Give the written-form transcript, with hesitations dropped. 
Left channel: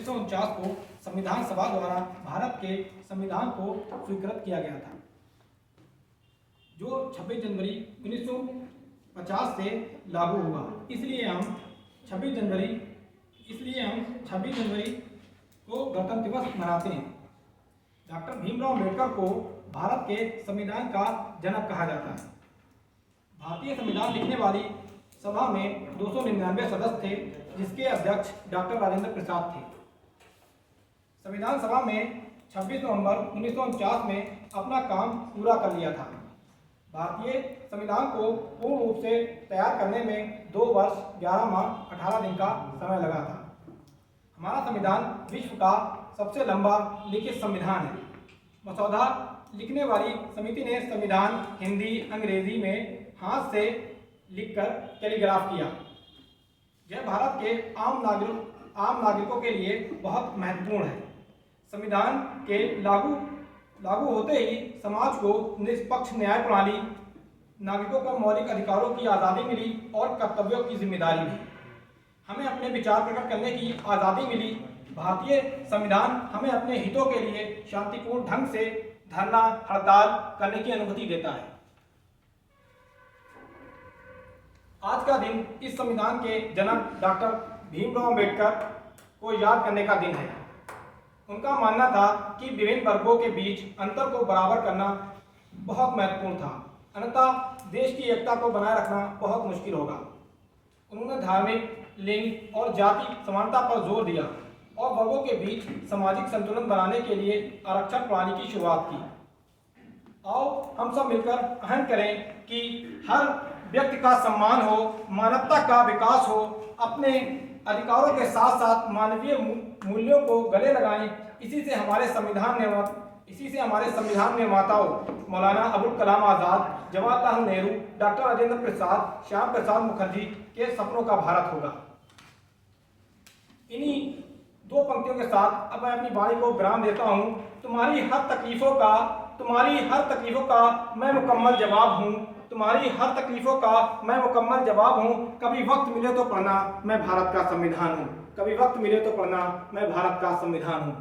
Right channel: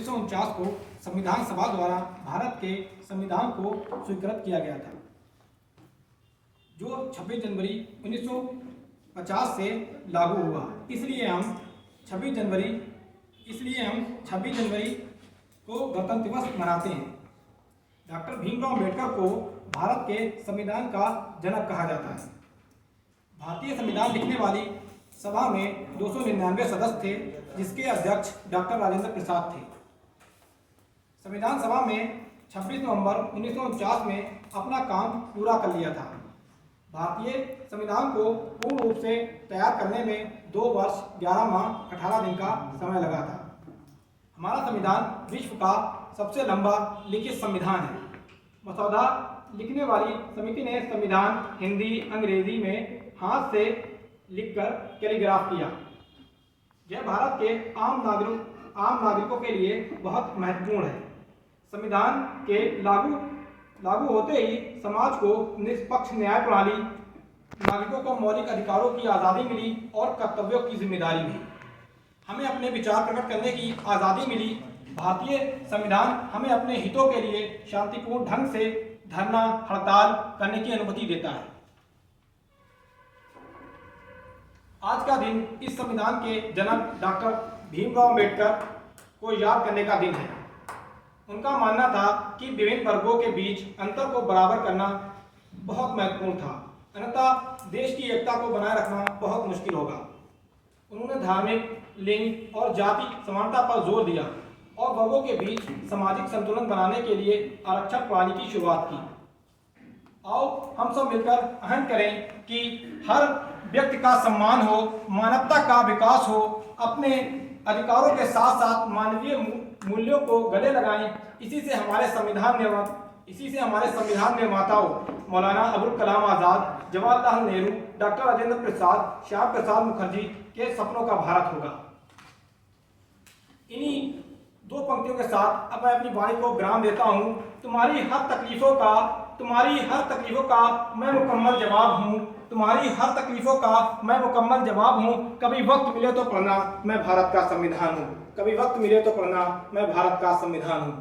1949 को संविधान सभा द्वारा भारत के संविधान को स्वीकृत किया गया था, जो 26 जनवरी 1950 से लागू हुआ। इसलिए हम 26 जनवरी को गणतंत्र दिवस मनाते हैं। डॉक्टर भीमराव अम्बेडकर को भारत के संविधान का जनक कहा जाता है। भारतीय संविधान लिखने वाली सभा में 299 सदस्य थे, जिसके अध्यक्ष डॉक्टर राजेंद्र प्रसाद थे। संविधान सभा में 26 नवंबर 1949 में अपना काम पूरा कर लिया था। भारतीय संविधान को पूर्ण रूप से तैयार करने में 2 वर्ष 11 माह 18 दिन का समय लगा था। हमारा संविधान विश्व का सबसे लंबा लिखित संविधान है। मसौदा लिखने वाली समिति ने संविधान हिंदी अंग्रेजी में हाथ से लिखकर कैलीग्राफ किया। यह भारत के आम नागरिकों के लिए बहुत महत्वपूर्ण है। संविधान के लागू होते ही समाज को निष्पक्ष न्याय प्रणाली, नागरिकों को मौलिक अधिकारों की आज़ादी मिली और कर्तव्यों की जिम्मेदारी भी। हमें अपने विचार प्रकट करने की आज़ादी मिली। भारतीय संविधान हमें अपने हितों के लिए शांतिपूर्ण ढंग से धरना हड़ताल करने की अनुमति देता है। आज का दिन इस संविधान के जनक डॉक्टर भीमराव अम्बेडकर को याद करने का दिन है। उनका मानना था कि विभिन्न वर्गों के बीच अंतर को बराबर करना बहुत महत्वपूर्ण था, अन्यथा देश की एकता को बनाए रखना बहुत मुश्किल होगा। उन्होंने धार्मिक, लिंग और जाति समानता पर जोर दिया और वर्गों के बीच सामाजिक संतुलन बनाने के लिए आरक्षण प्रणाली की शुरुआत की। आओ हम सब मिलकर अहम करें कि हर व्यक्ति का सम्मान हो, मानवता का विकास हो, अपने अधिकारों के साथ साथ मानवीय मूल्यों को गले लगाएं। इसी से हमारे संविधान निर्माताओं मौलाना अबुल कलाम आज़ाद, जवाहरलाल नेहरू, डॉक्टर राजेंद्र प्रसाद, श्यामा प्रसाद मुखर्जी के सपनों का भारत होगा। इन्हीं 2 पंक्तियों के साथ अब मैं अपनी वाणी को विराम देता हूँ। तुम्हारी हर तकलीफों का मैं मुकम्मल जवाब हूँ। तुम्हारी हर तकलीफों का मैं मुकम्मल जवाब हूँ। कभी वक्त मिले तो पढ़ना, मैं भारत का संविधान हूँ। कभी वक्त मिले तो पढ़ना, मैं भारत का संविधान हूँ।